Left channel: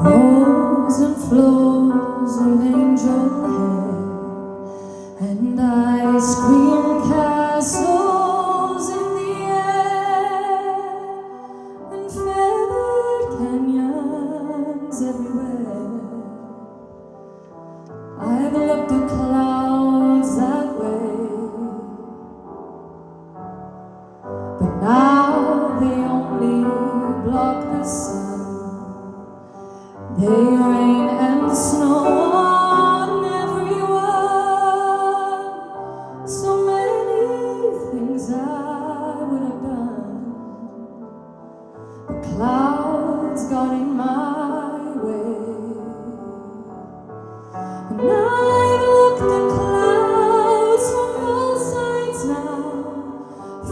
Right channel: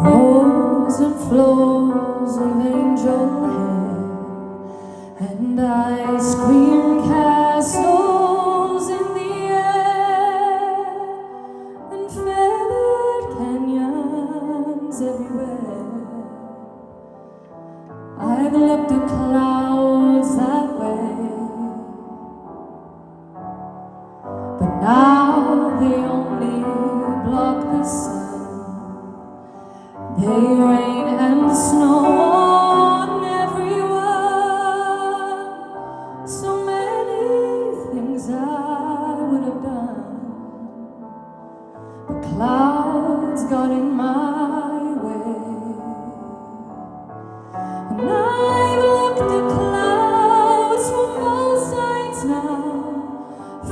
Rows and flows of angel hair and ice cream castles in the air and feathered canyons everywhere. I've looked at clouds that way, but now they only block the sun. They rain and snow on everyone. So many things I would have done, but clouds got in my way. And I've looked at clouds from all sides now,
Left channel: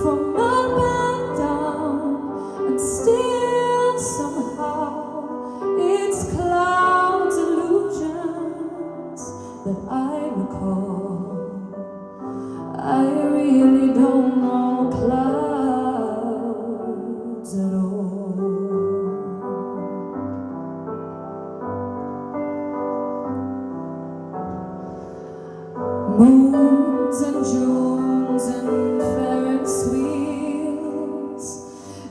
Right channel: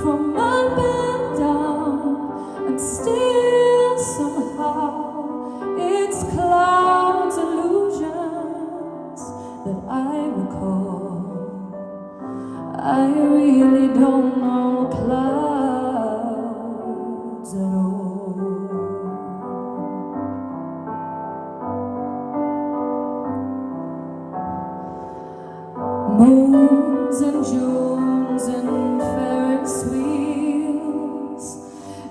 from up and down, and still somehow it's clouds, illusions that I recall. I really don't know clouds at all. Moons and Junes and Ferris wheels,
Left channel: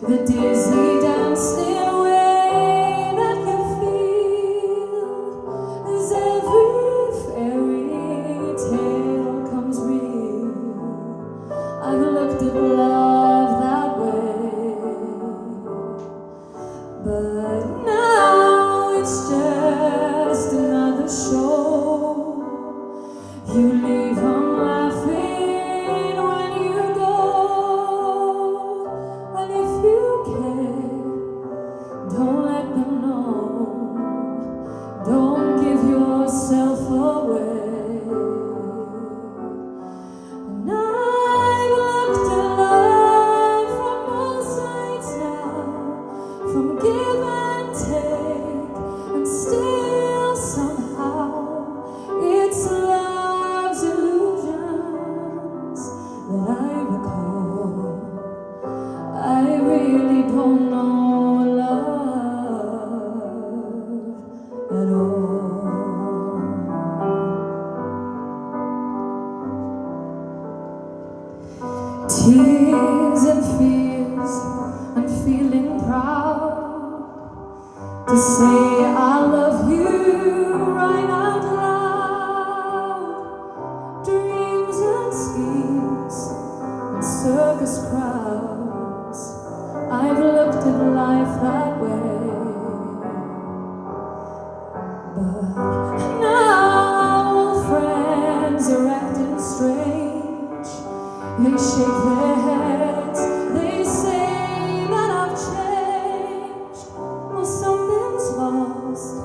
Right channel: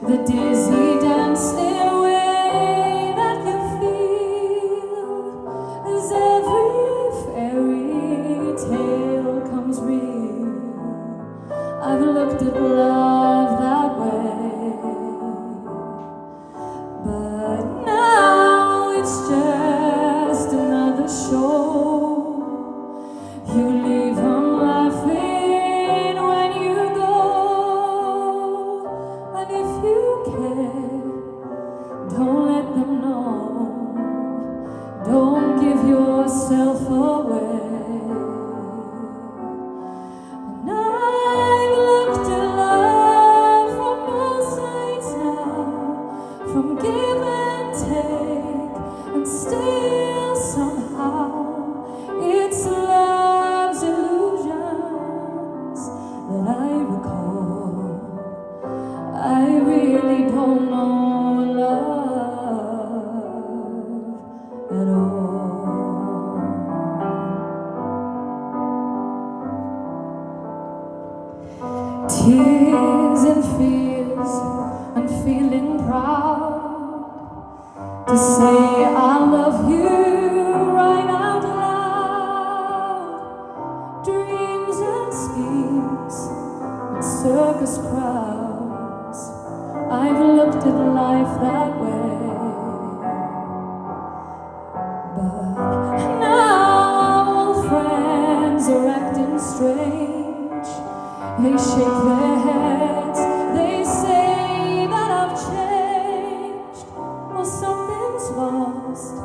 the dizzy dance stairway that you feel as every fairy tale comes real. I've looked at love that way, but now it's just another show. You leave them laughing when you go, and if you care, don't let them know. Don't give yourself away. And I've looked at love from all sides now, from give and take, and still somehow it's love's illusions that I recall. I really don't know love at all. Tears and fears, I'm feeling proud to say I love you right out loud. Dreams and schemes and circus crowds, I've looked at life that way, but now friends are acting strange. They shake their heads, they say that I've changed. Well, something's lost,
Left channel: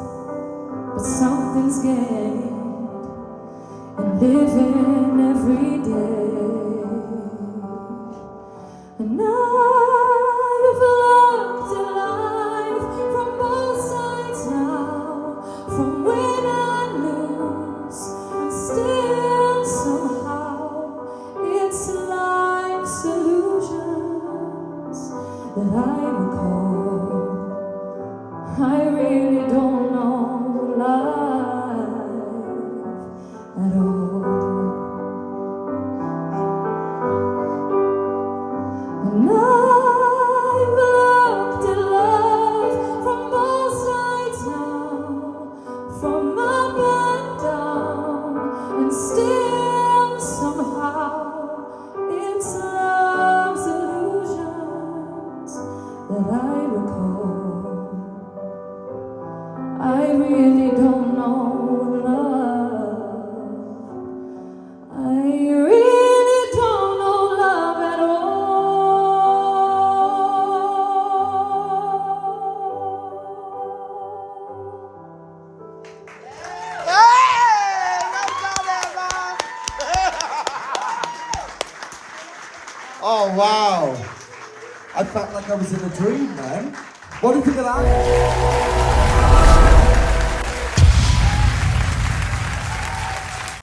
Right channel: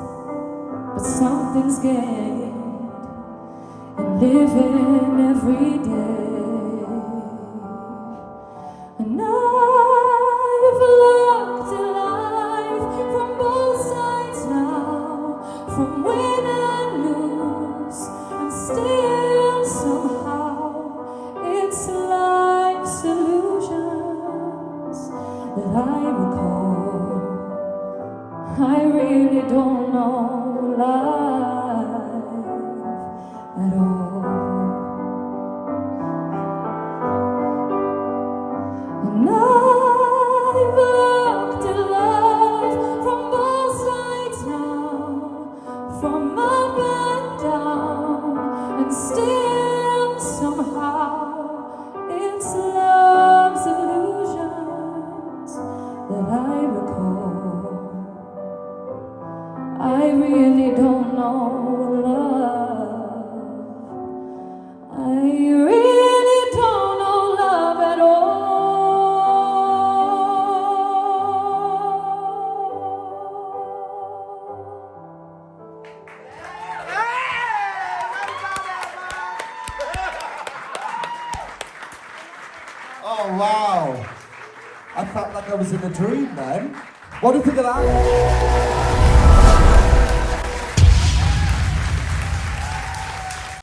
but something's gained in living every day. And I've looked at life from both sides now, from win and lose, and still somehow it's life's illusions that I recall. I really don't know life at all. And I've looked at love from both sides now, from up and down, and still somehow it's love's illusions that I recall. I really don't know love. I really don't know love at all. Oh wow! I felt like I was in a dream then. What do you think of that?